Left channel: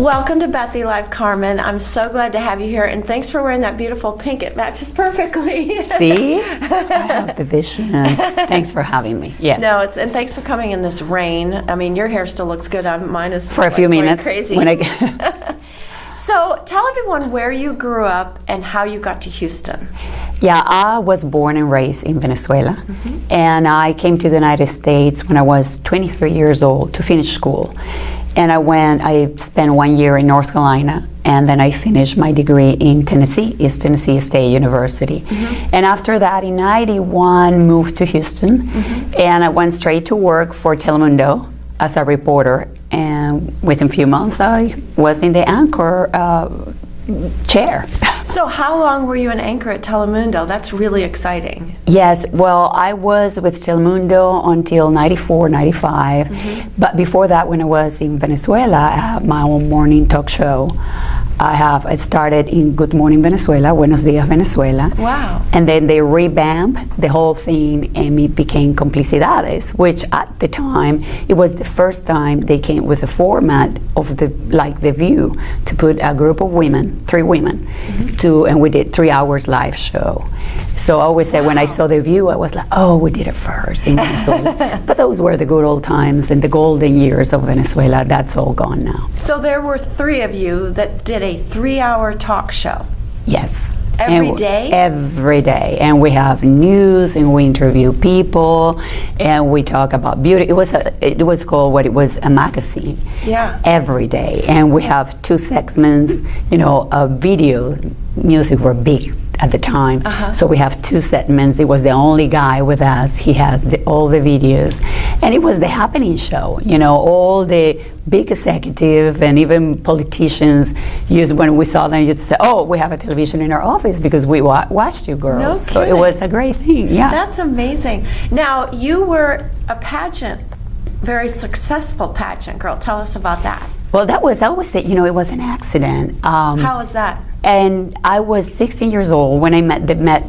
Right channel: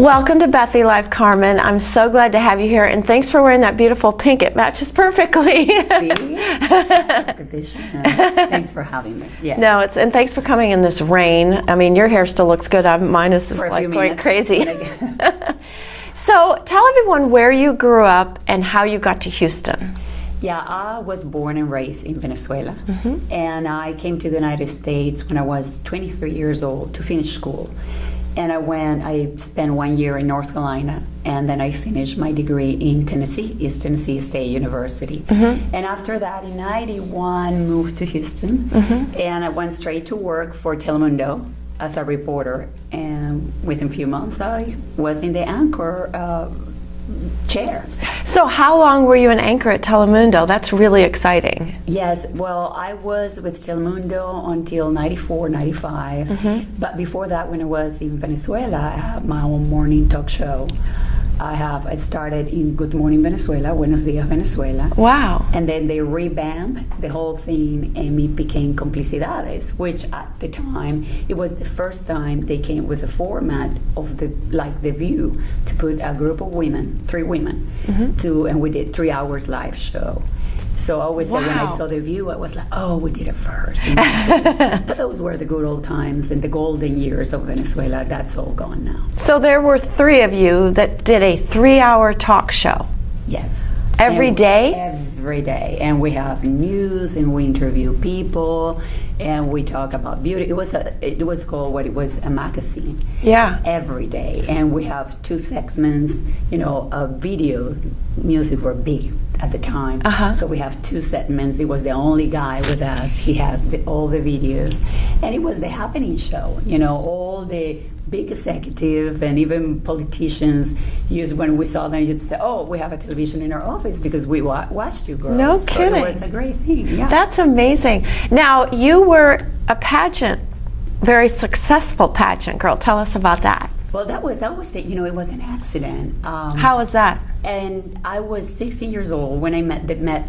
Welcome to Bethy Live, Carmen. I'm so glad to have you here, and thanks for wearing that beautiful pink. It matches perfectly. See? I have the vision. Thanks for having me. Yes. No, and thanks for coming in this rain. I mean, your hair still looks good. Mine is for a few minutes. Crazy. So tell everyone where you grew up and how you got to Houston. Yeah, I was born and raised in Venezuela, and I came to the United States when I was 23 years old to finish school. And I spent 1 year in North Carolina, and then I finished my degree in Tennessee, East Tennessee State University. And after that, in '91, moved to Houston, and I went straight to work for Telemundo as a reporter. And within a few months, I was in the anchor chair. So how long were you an anchor at Telemundo? That's really exciting. Yes, well, I was with Telemundo until '94, '95. But before that, when I was in Venezuela, I had my own morning talk show. I started in Good Morning Venezuela, Buenos Dias Venezuela. Wow. And then they revamped the whole thing, and it became Complicidades, which at the time, it was the first time they came with a format of The View, to put a group of women, 3 women, and we did 3 hours live show. So I always say when I saw The View, I was like, oh, we did it first in Venezuela. But those were the good old times and the golden years of Venezuela. That's all gone now. So there were 3 of you that did a 3-hour talk show. Yes. Every day? Every day. And we have news, and we interview people, and we talk about beauty. It was a magazine. Yeah. Every day. And we have 2 segments, video. Music were big at the time. So we have 2 segments. It was the only guy with us. He has all the videos. And it was the happening show. All the big executive and even politicians when we saw them, used to say, oh, we have a television in our office because we watched you girls. No so kidding. It was a great thing. Yeah. That's amazing. Now, you were a pageant, very successful pageant girl. Tell us about that. Well, that was, I always say, it was an accident. How was that? And I was 16 years old when I met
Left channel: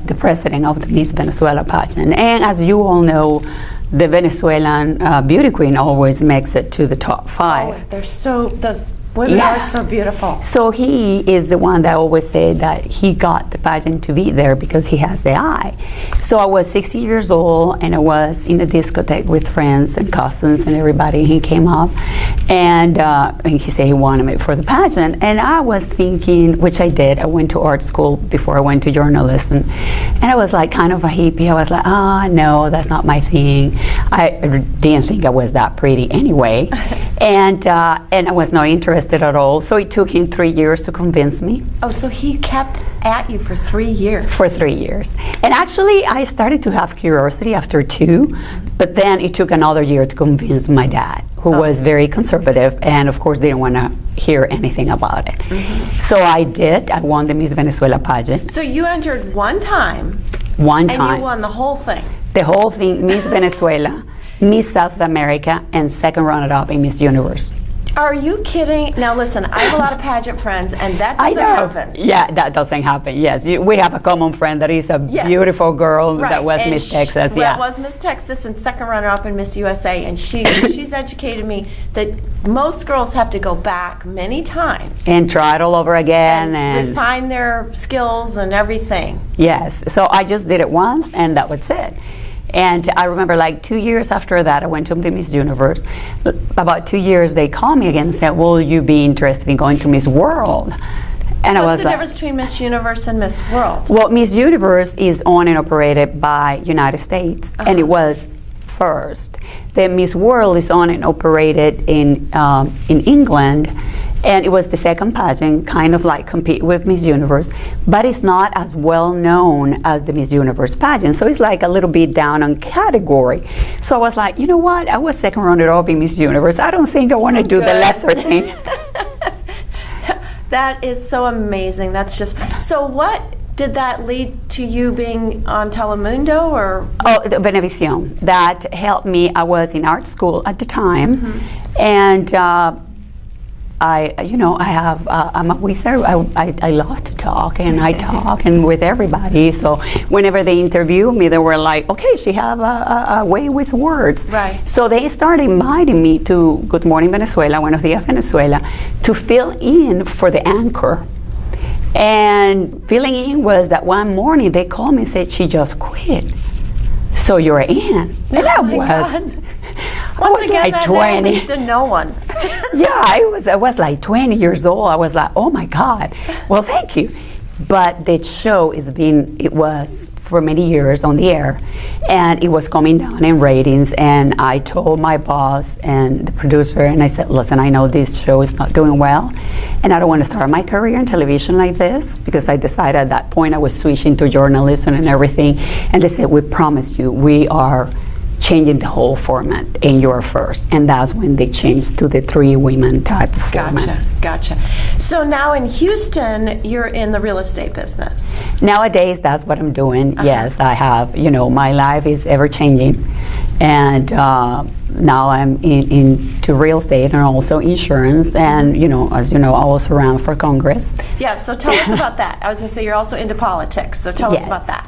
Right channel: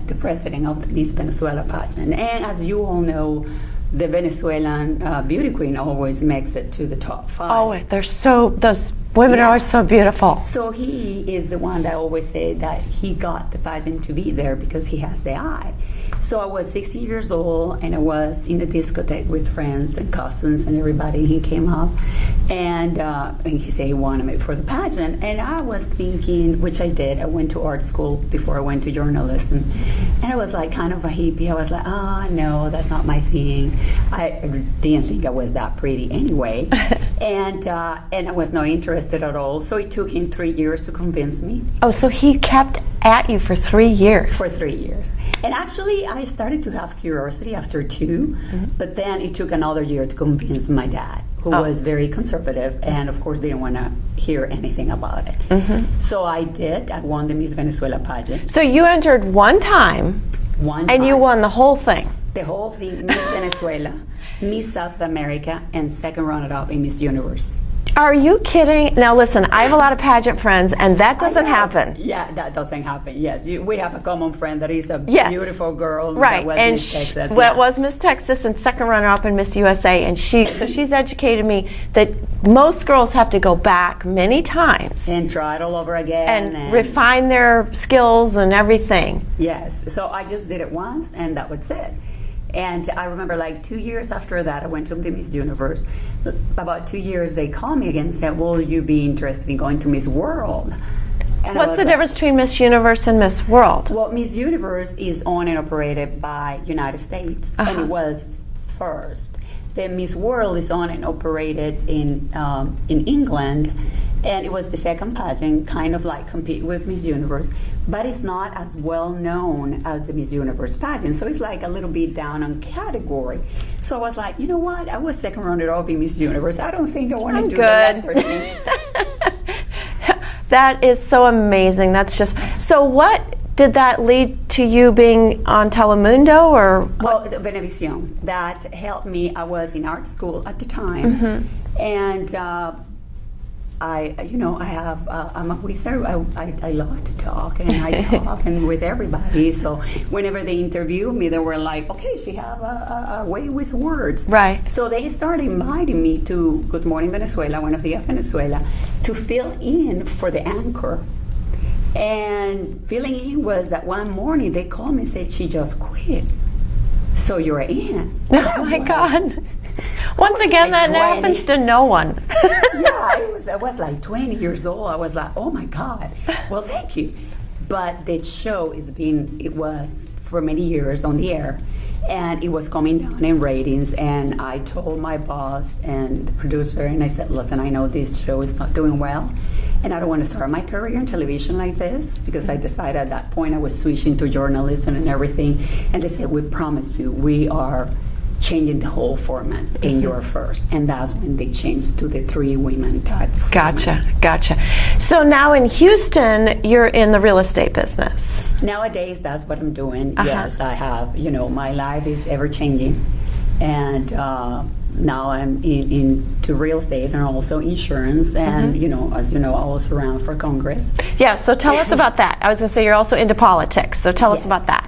the president of the Miss Venezuela pageant. And as you all know, the Venezuelan beauty queen always makes it to the top 5. Oh, those women are so beautiful. So he is the one that always said that he got the pageant to be there because he has the eye. So I was 60 years old, and I was in a discotheque with friends and cousins and everybody. He came up, and he said he wanted me for the pageant. And I was thinking, which I did, I went to art school before I went to journalism. And I was like kind of a hippie. I was like, no, that's not my thing. I didn't think I was that pretty anyway. And I was not interested at all. So it took him 3 years to convince me. Oh, so he kept at you for 3 years? For 3 years. And actually, I started to have curiosity after 2, but then it took another year to convince my dad, who was very conservative and, of course, didn't want to hear anything about it. So I did. I won the Miss Venezuela pageant. So you entered one time. And you won the whole thing? The whole thing, Miss Venezuela, Miss South America, and second runner-up in Miss Universe. Are you kidding? Now listen, I have a lot of pageant friends, and that doesn't happen. Yeah, that doesn't happen, yes. We have a common friend that is a beautiful girl that was Miss Texas. Well, was Miss Texas and second runner-up in Miss USA, and she's educated me that most girls have to go back many times. And try it all over again. And refine their skills and everything. Yes, so I just did it once, and that was it. And I remember 2 years after that, I went to the Miss Universe. About 2 years, they called me again and said, will you be interested in going to Miss World? And what's the difference between Miss Universe and Miss World? Well, Miss Universe is owned and operated by United States, and it was first. Then Miss World is owned and operated in England, and it was the second pageant, kind of compete with Miss Universe, but it's not as well known as the Miss Universe pageant, so it's a little bit down on category. So I was like, you know what, I was second runner-up in Miss Universe. I don't think I want to do the lesser thing. That is so amazing. That's just, so what did that lead to you being on Telemundo or? Oh, Venevisión. That helped me. I was in art school at the time, and I have, I'm a wizard. I love to talk, and I talk and with everybody. So whenever they interview me, they were like, okay, she have a way with words. Right. So they started inviting me to Good Morning Venezuela, Buenos Dias Venezuela, to fill in for the anchor. And filling in was that one morning they called me and said, she just quit. So you're in. And Oh my God. Once again, like that 20. happens to no one. Yeah, I was like 20 years old. I was like, oh my God. Well, thank you. But the show it was for many years on the air, and it was coming down in ratings. And I told my boss and the producer, and I said, listen, I know this show is not doing well, and I don't want to start my career in television like this, because I decided at that point I was switching to journalism and everything. And they said, we promise you, we are changing the whole format, and you're first. And that's when they changed to the 3 women type format. Gotcha. So now in Houston, you're in the real estate business. Nowadays, that's what I'm doing. Yes, I have, my life is ever changing. And now I'm into real estate and also insurance. And, as you know, I was around for Congress. Yeah, so tell us about that. I was going to say you're also into politics, so tell us about that.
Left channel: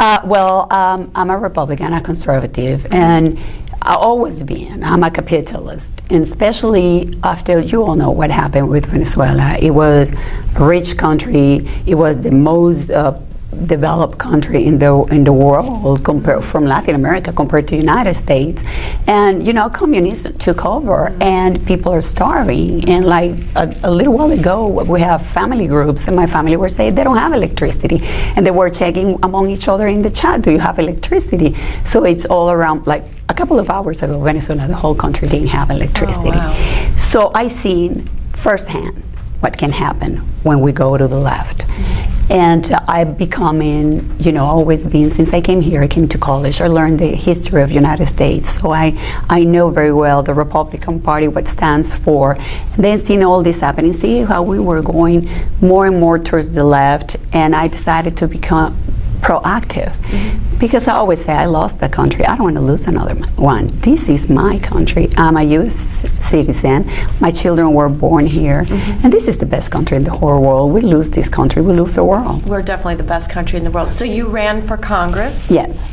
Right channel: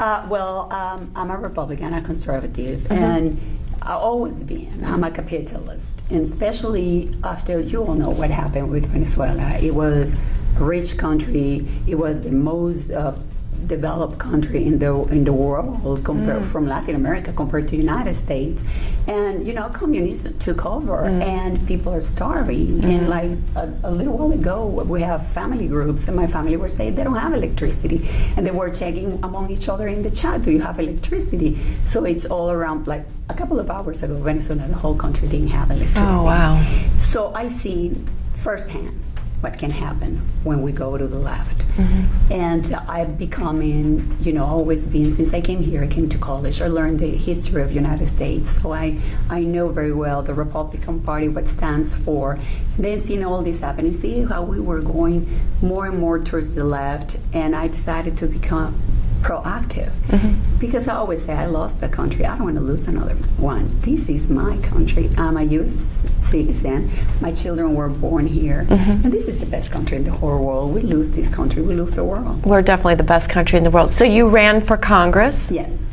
I'm a Republican, a conservative, and I've always been. I'm a capitalist, and especially after you all know what happened with Venezuela. It was a rich country. It was the most developed country in the world compared from Latin America compared to the United States, and communism took over, and people are starving. And like a little while ago, we have family groups, and my family were saying they don't have electricity, and they were checking among each other in the chat, do you have electricity? So it's all around. Like a couple of hours ago, Venezuela, the whole country didn't have electricity. Oh, wow. So I seen firsthand what can happen when we go to the left. And I've becoming, always been, since I came here, I came to college, I learned the history of the United States. So I know very well the Republican Party, what it stands for. And then seeing all this happening, see how we were going more and more towards the left, and I decided to become proactive, because I always say I lost the country. I don't want to lose another one. This is my country. I'm a U.S. citizen. My children were born here, and this is the best country in the whole world. We lose this country, we lose the world. We're definitely the best country in the world. So you ran for Congress? Yes.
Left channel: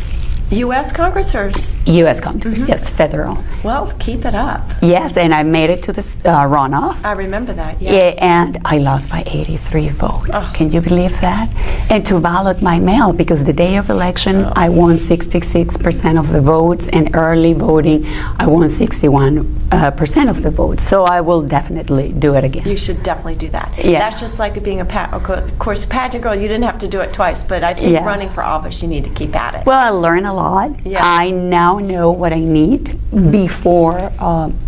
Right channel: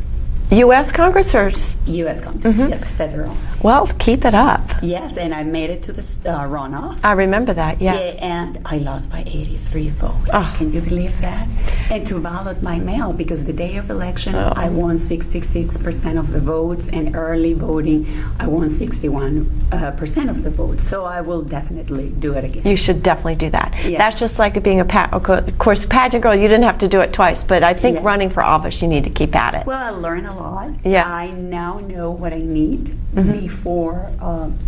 U.S. Congress or? U.S. Congress, yes, federal. Well, keep it up. Yes, and I made it to the runoff. I remember that, Yeah, and I lost by 83 votes. Can you believe that? And to ballot by mail, because the day of election, I won 66% of the votes, and early voting, I won 61% of the votes. So I will definitely do it again. You should definitely do that. Yeah. That's just like being of course, pageant girl, you didn't have to do it twice, but I think running for office, you need to keep at it. Well, I learned a lot. Yeah. I now know what I need before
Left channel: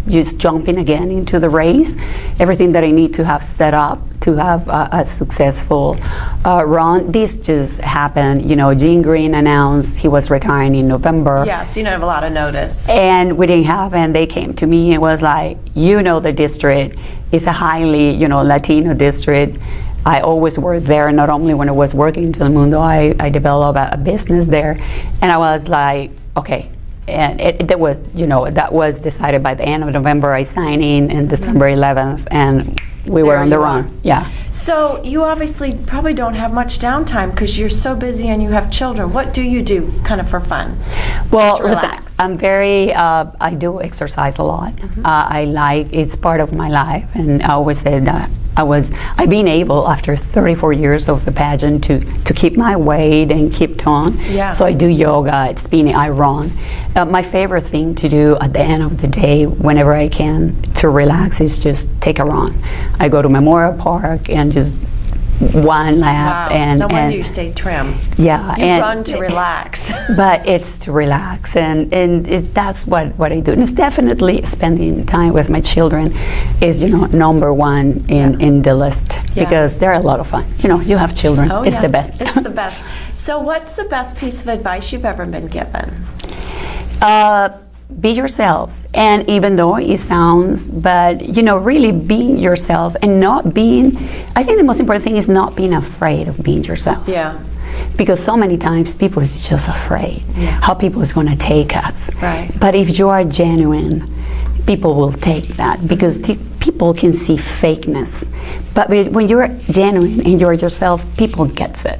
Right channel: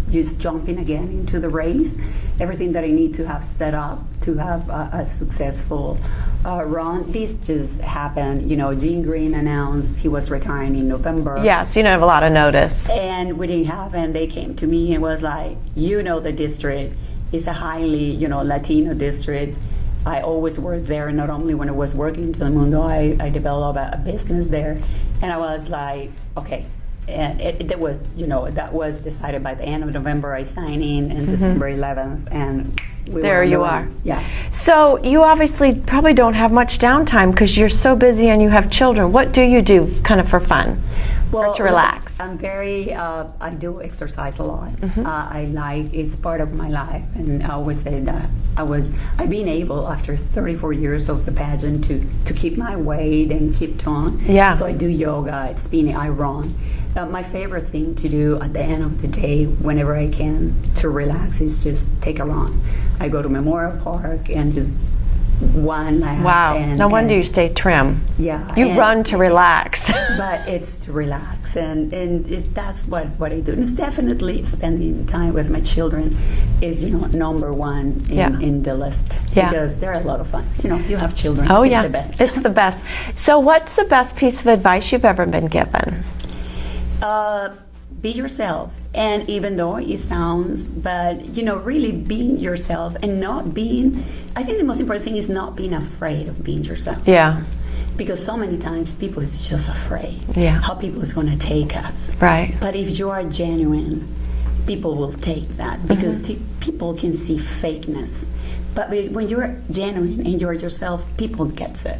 just jumping again into the race. Everything that I need to have set up to have a successful run. This just happened. Gene Green announced he was retiring in November. Yes, you don't have a lot of notice. And we didn't have, and they came to me and was like, the district is a highly, Latino district. I always worked there, not only when I was working in Telemundo, I developed a business there, and I was like, okay. And that was decided by the end of November. I signed in December 11th, and we were on the run. Yeah. So you obviously probably don't have much downtime because you're so busy and you have children. What do you do kind of for fun? Well, to relax? Listen, I'm very, I do exercise a lot. It's part of my life, and I always say that I've been able, after 34 years of the pageant, to keep my weight and keep tone. Yeah. So I do yoga, it's spinning, I run. My favorite thing to do at the end of the day, whenever I can, to relax, is just take a run. I go to Memorial Park and just one lap. Wow. And, no wonder you stay trim. Yeah. You run to relax. But it's to relax, and that's what I do. And it's definitely spending time with my children is, number one in the list, because they're a lot of fun. You have children. Oh, it's the best. It's the best. So what's the best piece of advice you've ever been given? Be yourself. And even though it sounds, but really being yourself and not being, I think the most important thing is not being afraid of being yourself. Yeah. Because so many times people is just afraid how people is going to take us. Right. But if you are genuine, people will take that, because people can see fakeness. But when you're genuine and you're yourself, people gets it.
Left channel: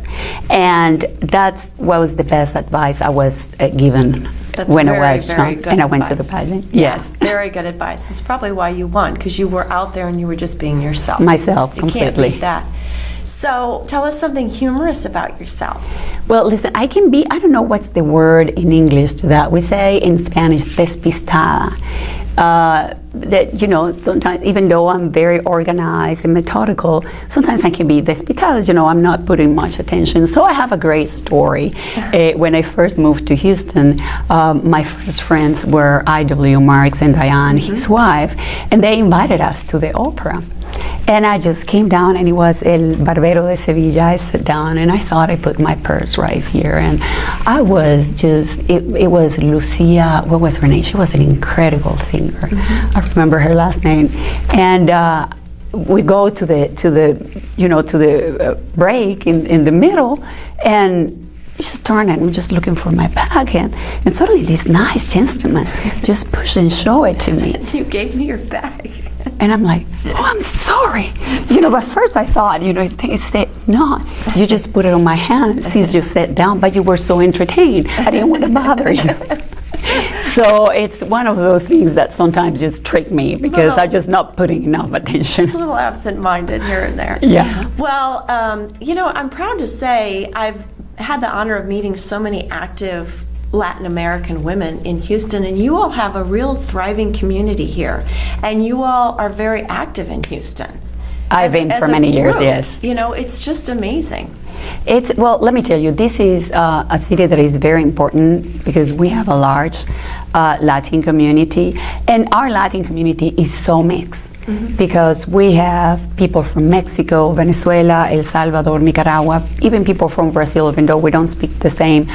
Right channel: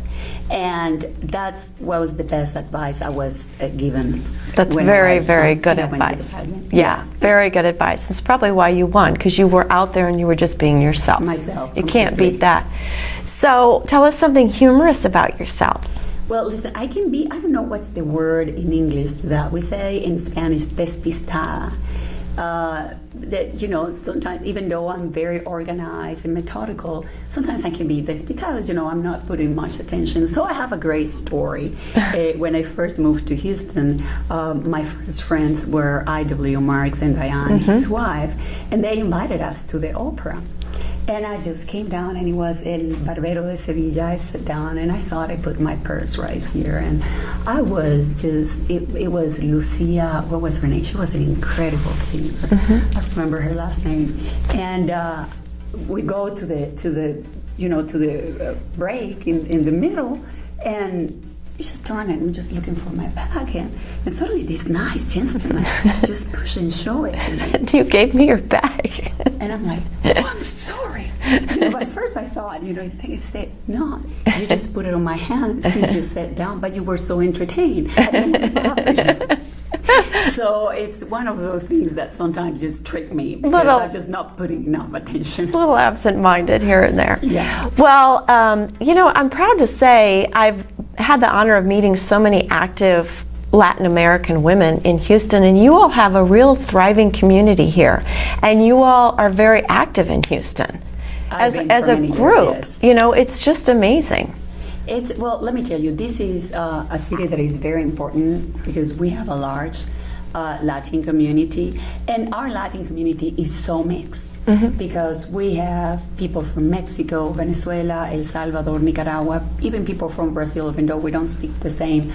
And that's what was the best advice I was given That's when very, I was very young good and I advice. went to the pageant. Yeah, Yes. very good advice. It's probably why you won, because you were out there and you were just being yourself. Myself, You can't completely. beat that. So tell us something humorous about yourself. Well, listen, I can be, I don't know what's the word in English to that. We say in Spanish, despistada. That, you know, sometimes, even though I'm very organized and methodical, sometimes I can be despistada, you know, I'm not putting much attention. So I have a great story. When I first moved to Houston, my first friends were I.W. Marks and Diane, his wife, and they invited us to the opera. And I just came down, and it was El Barbero de Sevilla. I sat down, and I thought I put my purse right here. And I was just, it was Lucia, what was her name? She was an incredible singer. I remember her last name. And we go to the break in the middle, and you just turn and I'm just looking for my bag, and suddenly this nice gentleman just push and show it to me. You gave me your bag. And I'm like, oh, I'm sorry. You know, but first I thought, you know, he said, no, you just put it on my hand since you sat down, but you were so entertained. I didn't want to bother you. So it's one of those things that sometimes just trick me because I'm just not putting enough attention. A little absent-minded here and there. Yeah. Well, you know, I'm proud to say I've had the honor of meeting so many active Latin American women in Houston, and you all have a real thriving community here, and you all are very active in Houston. I've been for many years, yes. You know, it's just amazing. Well, let me tell you, this is a city that is very important because we have a large Latin community, and our Latin community is so mixed because we have people from Mexico, Venezuela, El Salvador, Nicaragua, even people from Brazil, even though we don't speak the same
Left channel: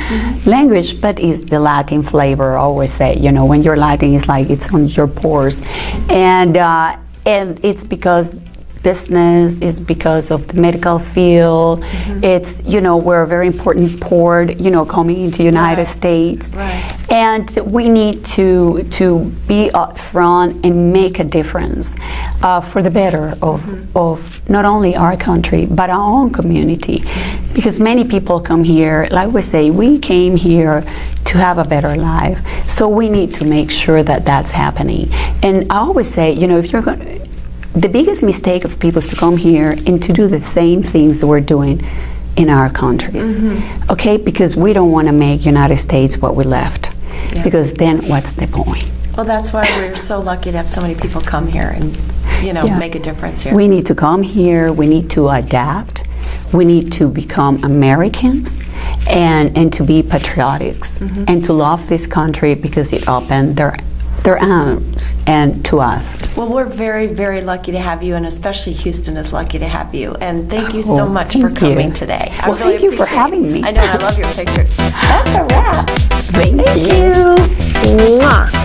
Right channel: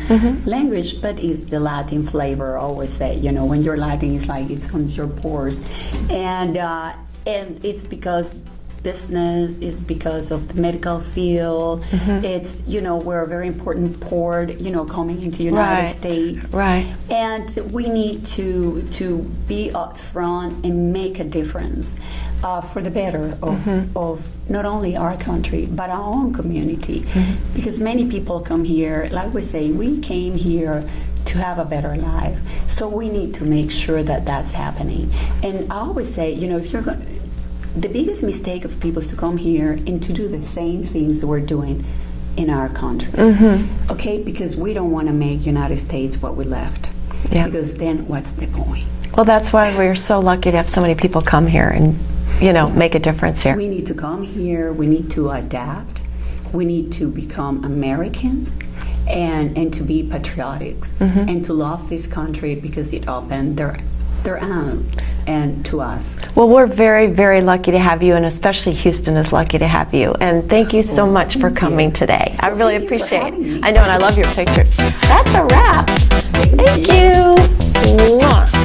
language, but it's the Latin flavor. I always say, you know, when you're Latin, it's like it's on your pores, and it's because business, is because of the medical field. It's, you know, we're a very important port, you know, coming into United States. Right. And we need to be up front and make a difference for the better of not only our country, but our own community. Because many people come here, like we say, we came here to have a better life. So we need to make sure that that's happening. And I always say, you know, if you're going the biggest mistake of people is to come here and to do the same things that we're doing in our countries, okay? Because we don't want to make United States what we left, because then what's the point? Well, that's why we're so lucky to have so many people come here and, you know, make a difference here. We need to come here, we need to adapt, we need to become Americans, and to be patriotics, and to love this country because it opened their arms and to us. Well, we're very, very lucky to have you, and especially Houston is lucky to have you. And thank you so much for coming today. I really thank you appreciate for having it. me. I know, and I love your pictures. That's a wrap. Thank you. Mwah.